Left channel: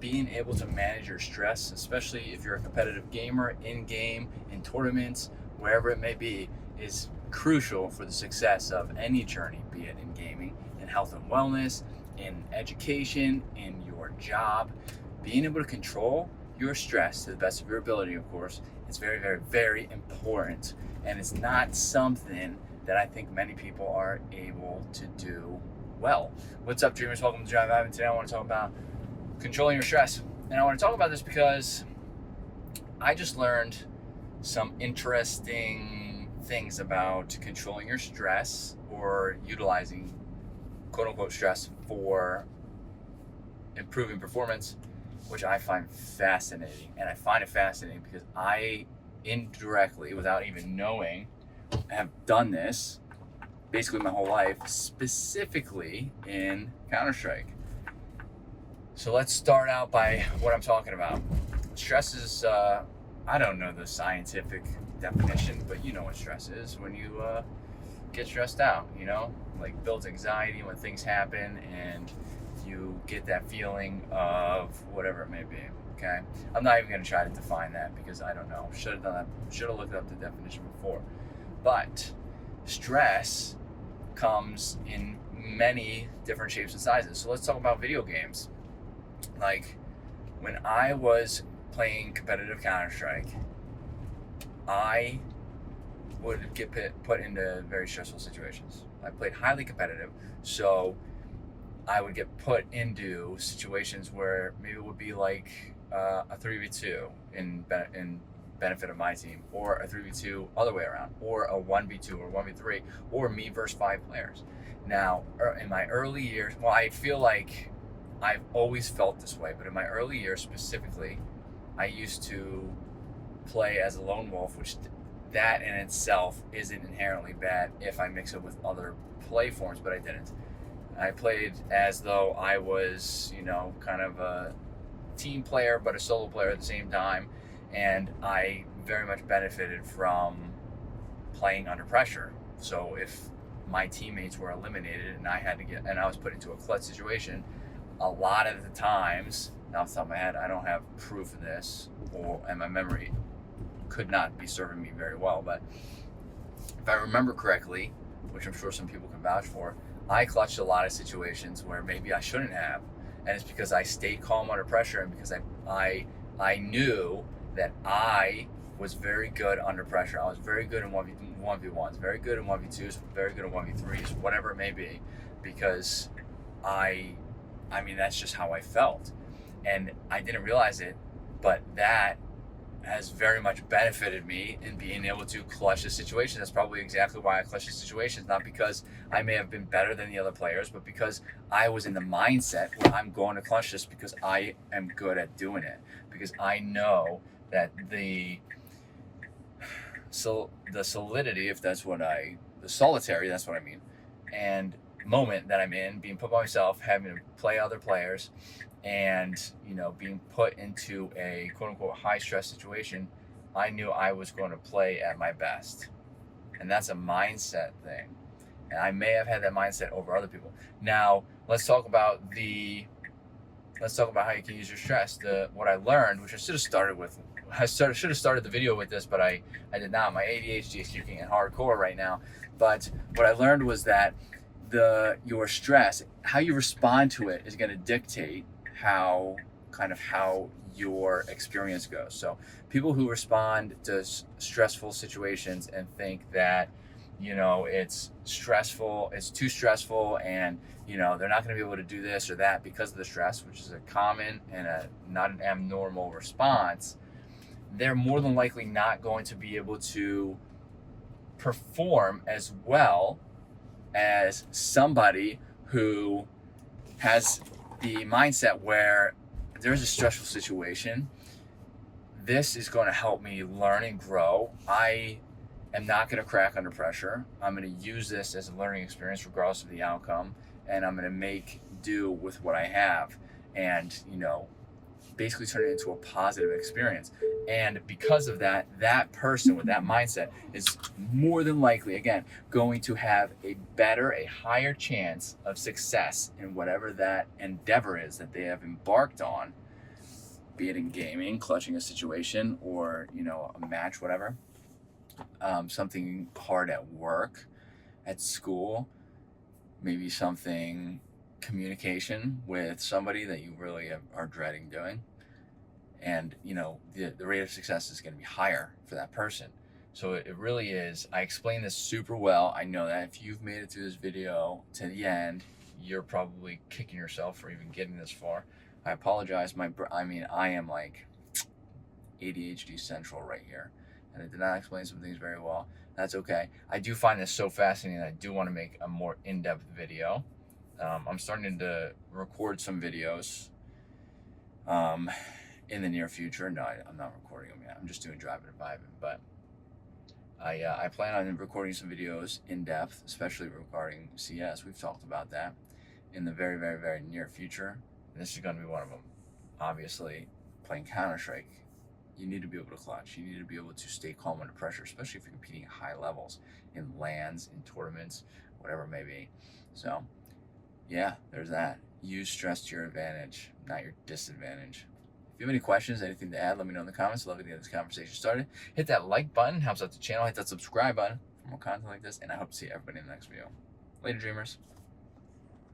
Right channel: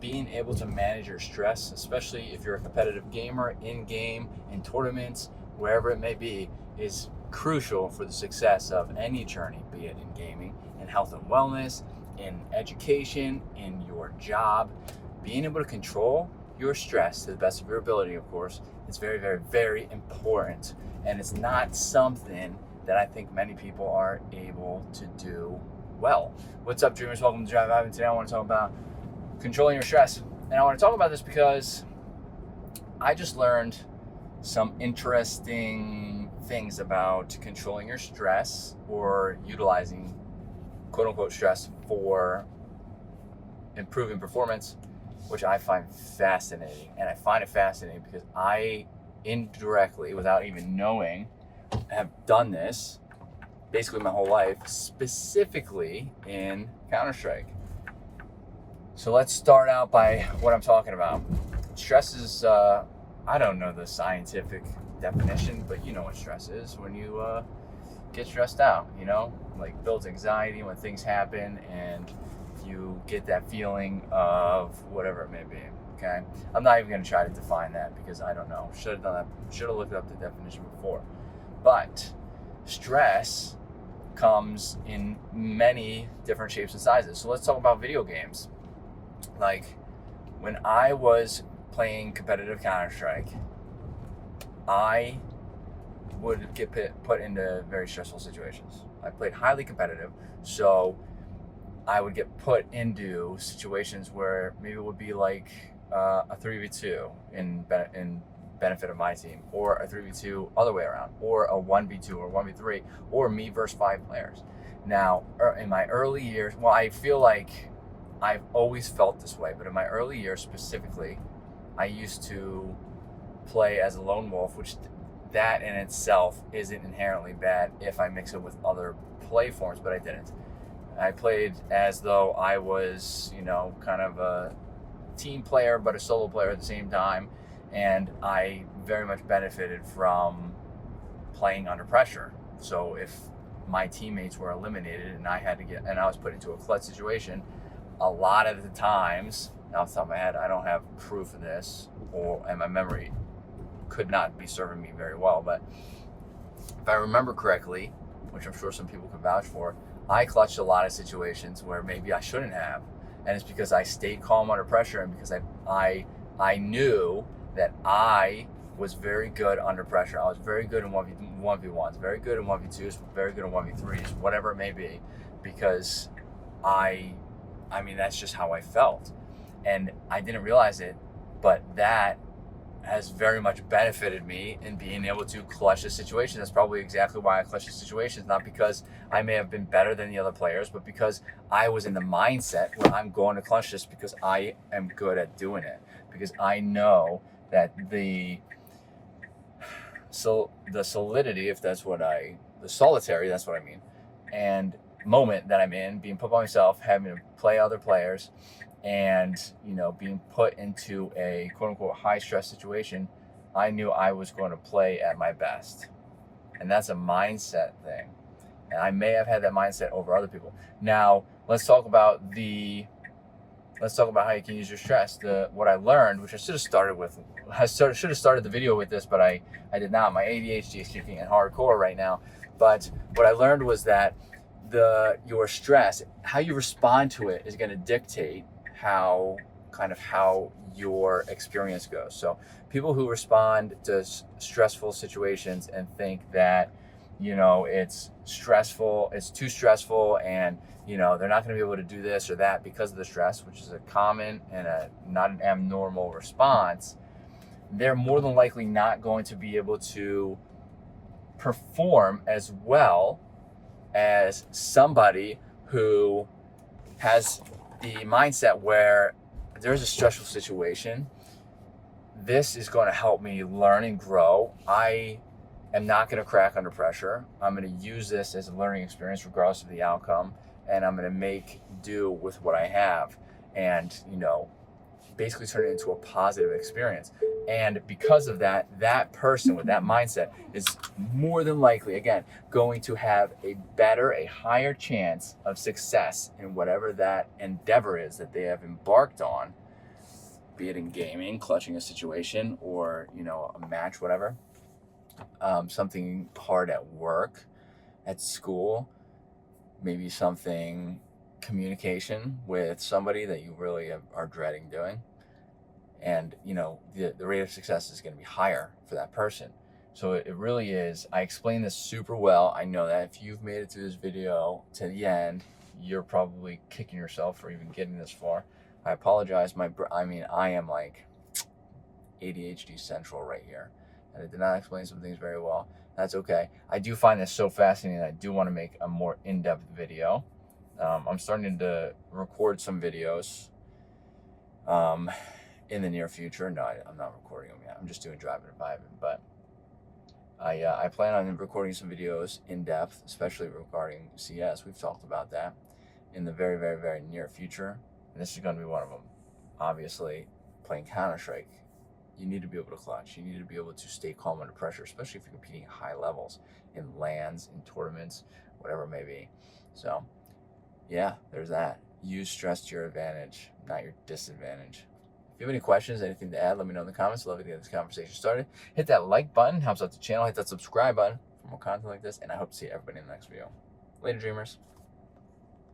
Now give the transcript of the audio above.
being able to manage your stress, especially if you're a competitive gamer, in-game, in tournaments, wherever it may be, is crucial for the success of any journey, be it in gaming, in health and wellness, in education, in your job. Being able to control your stress to the best of your ability, of course, is very, very, very important. And it's not something that I think many people are able to do well. What's up, dreamers? Welcome to Drive Ivan. Today I want to talk about controlling your stress. And I want to talk about this because I just learned some interesting things about controlling your stress or utilizing quote unquote stress for improving performance, which I find fascinating. And I find it fascinating because I indirectly, without even knowing, have done this basically my whole life, specifically in Counter-Strike. So let's start out by what I'm talking about. Stress is, I don't know the scientific definition, but you know what stress is. When you get stressed out, like builds anxiety when things happen and you get that feeling of whatever it may be, okay? I'm not even gonna try to define that because I don't know. Should have done that, should have looked up the definition before. But stress comes in many different shapes and sizes. So let's talk about video games. Like when I was playing competitive Counter-Strike, I would get put into very stressful situations. I played highly competitive, so I would get put into situations where maybe it would be like a 3v2 in benefit of my team, or a 3v2 other way around, or a 1v2 or 1v3, or me versus 5 players. Now, in my early years, well, I feel like I've always felt this way, but in my early years specifically, I used to play as a lone wolf, which that in itself isn't inherently bad if I mix it with other play forms, but I didn't. I played as though I was, kind of a team player, but a solo player at the same time. And I very much benefited from playing under pressure. So if my teammates were eliminated and I was put into a clutch situation, a lot of the times, now off the top of my head, I don't have proof of this, and my memory could not be serving me very well, but if I remember correctly, which I'm sure some people can vouch for, I clutched a lot of situations where maybe I shouldn't have, and it's because I stayed calm under pressure, and because I knew that I was very good under pressure. I was very good in 1v1s, very good in 1v2s, very good in 1v3s, whatever it may be, because I mean, that's just how I felt. And I didn't realize it, but that has very much benefited me in being able to clutch a situation. That's probably exactly why I clutch the situations, not because I may have been better than the other players, but because I was in the mindset where I'm going to clutch this because I am good at doing it. Because I know that the solidity, the solitary, that's what I mean, and moment that I'm in, being put by myself, having to play other players, and being put into a quote unquote high stress situation, I knew I was going to play at my best. And that's a mindset thing. And I may have had that mindset over other people. Now, let's talk about how you can use your stress. What I learned, which I should have started with, should have started the video with this, but I did not. My ADHD is kicking in hardcore right now. But what I learned was that your stress, how you respond to it, is going to dictate how your experience goes. So people who respond to stressful situations and think that it's stressful, it's too stressful, and they're not going to be able to do this or that because of the stress, which is a common and not an abnormal response, they're more than likely not going to be able to perform as well as somebody who has the mindset where there's a stressful situation. This is going to help me learn and grow. I am not going to crack under pressure. I'm going to use this as a learning experience regardless of the outcome, and I'm going to make do with what I have, and basically turn it into a positive experience. And because of that, that person with that mindset is more than likely, again, going to have a higher chance of success in whatever that endeavor is that they have embarked on, be it in gaming, clutching a situation, or a match, whatever. Something hard at work, at school, maybe something communication with somebody that you really are dreading doing, and the rate of success is going to be higher for that person. So it really is. I explained this super well. I know that if you've made it through this video to the end, you're probably kicking yourself for even getting this far. I apologize. I am like ADHD central right here, and I did not explain some things very well. That's okay. I do find this so fascinating that I do want to make a more in-depth video. I'm starting to record some videos in the near future. No, I'm not recording them yet. I'm just doing driving and vibing. But I plan on recording some videos in depth, especially regarding CS. We've talked about that in the very, very, very near future. And this is going to be one of them. Obviously, playing Counter-Strike, you need to be able to clutch. You need to be able to stay calm under pressure, especially if you're competing at high levels in LANs, in tournaments, whatever it may be. So, yeah, there's that. Use stress to your advantage, not your disadvantage. If you have any questions, anything to add, let me know in the comments. I'd love to get this conversation started. Hit that like button, helps out the channel. Hit that subscribe button for more content like this, and I hope to see everybody in the next video. Later, dreamers.